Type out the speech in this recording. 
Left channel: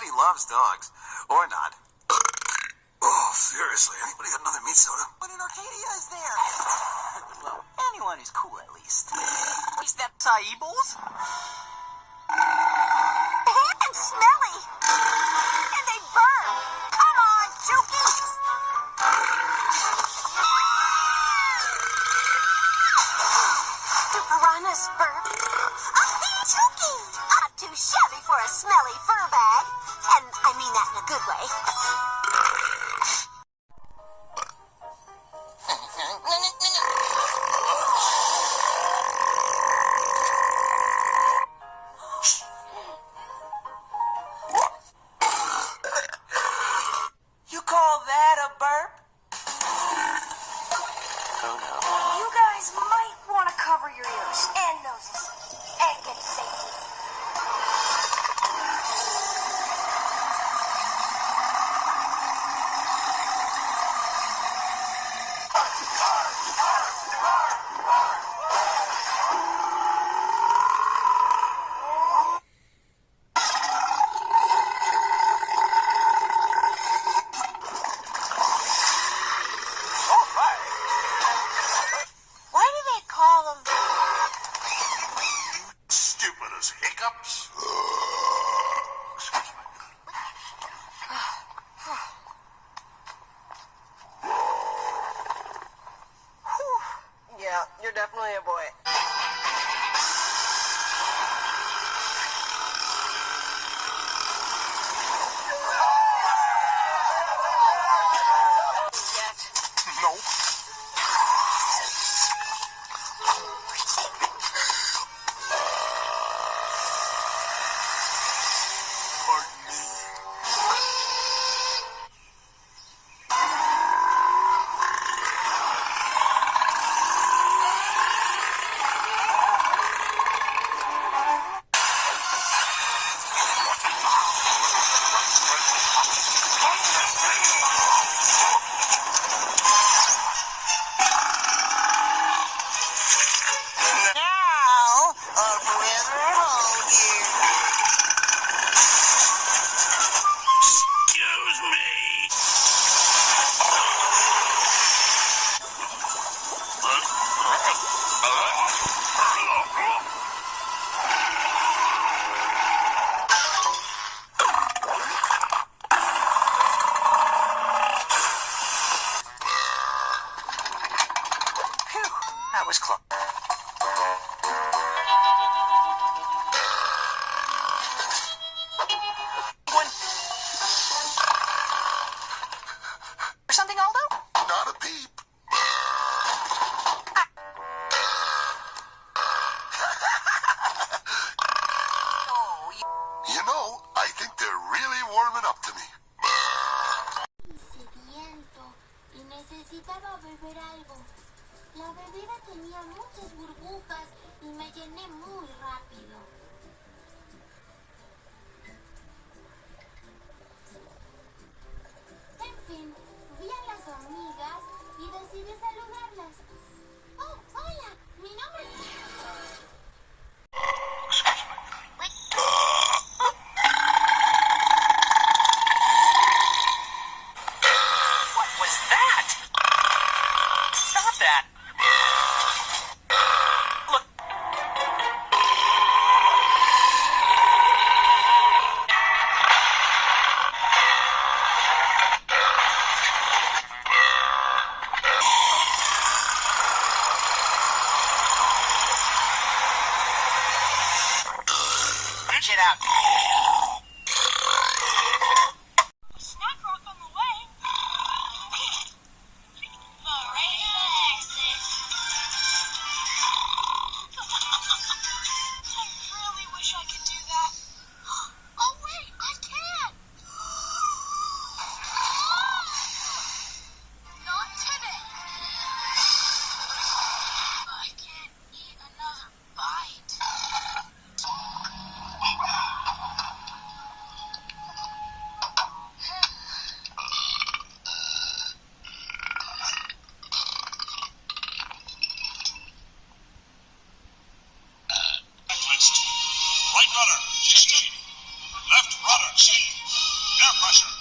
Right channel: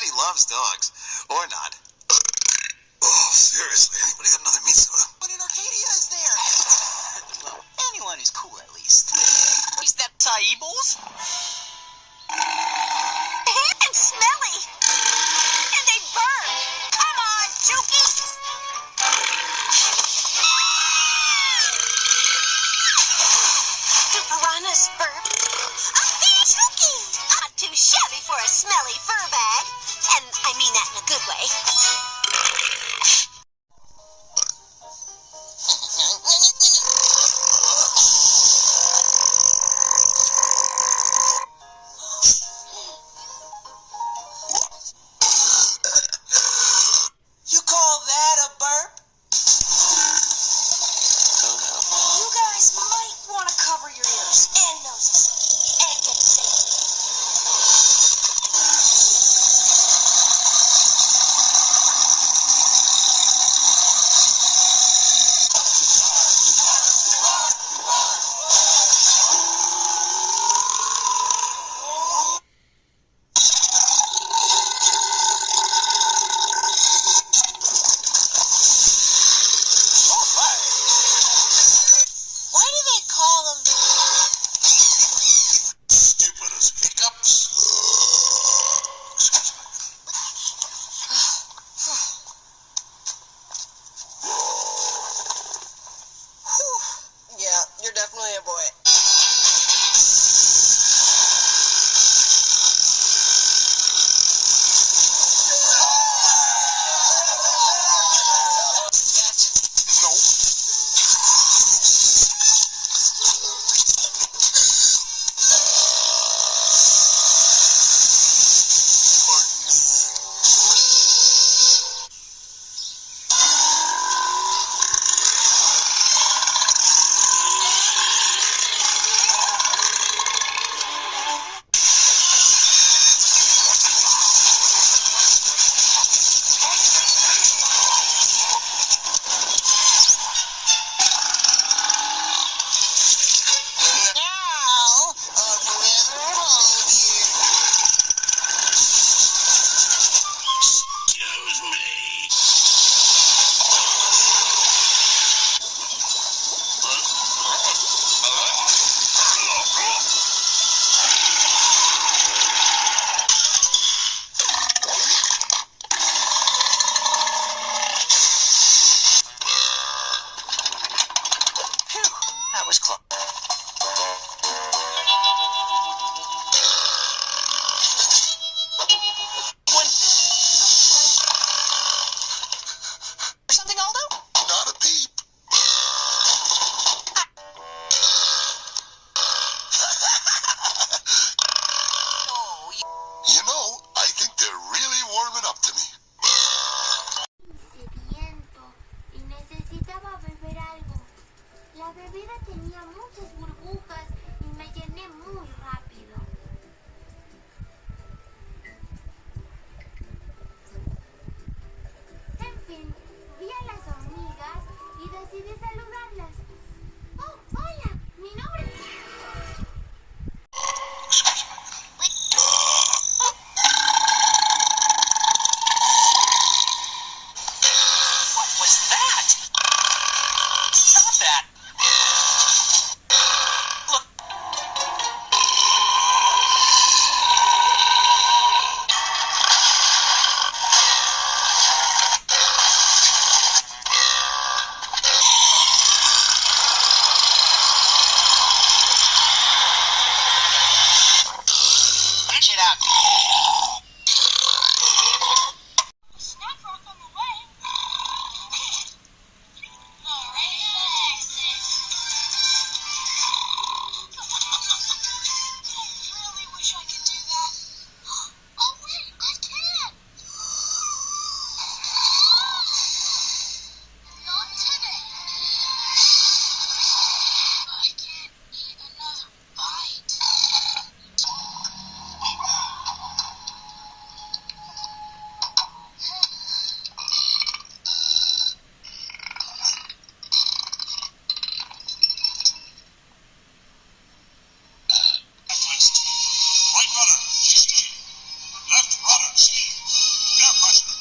bet he loves dogs. Or not. Oh, seriously, anybody got another meat soda? What in Arcadia is there? Well, anyone who's cool at least. Is that Saibos? And smelly. And they burn. Come on, Chucky. Do piranhas burp? Chucky! Not too shabby for a smelly fur bag. And I mean that in a good way. You call that a burp? Oh, no. You guys might want to cover your ears and noses and get to safety. Why do they call them? Stupid as hiccups. Excuse me. Yeah, you're definitely a boy. Nope. Now, forever hold you. Excuse me. Phew, that was close. Or something, Aldo? Not a peep. Oh, You know, I think they're really warming up to me. Sediento y necesitaba beber algo. La bebida tenía muchas burbujas y me llené muy rápido. En fin, vi a las hormigas y decidí saludarlas. ¡Oh, hola! Mi nombre es... Excuse me. what was that? Stop that. Look. Russian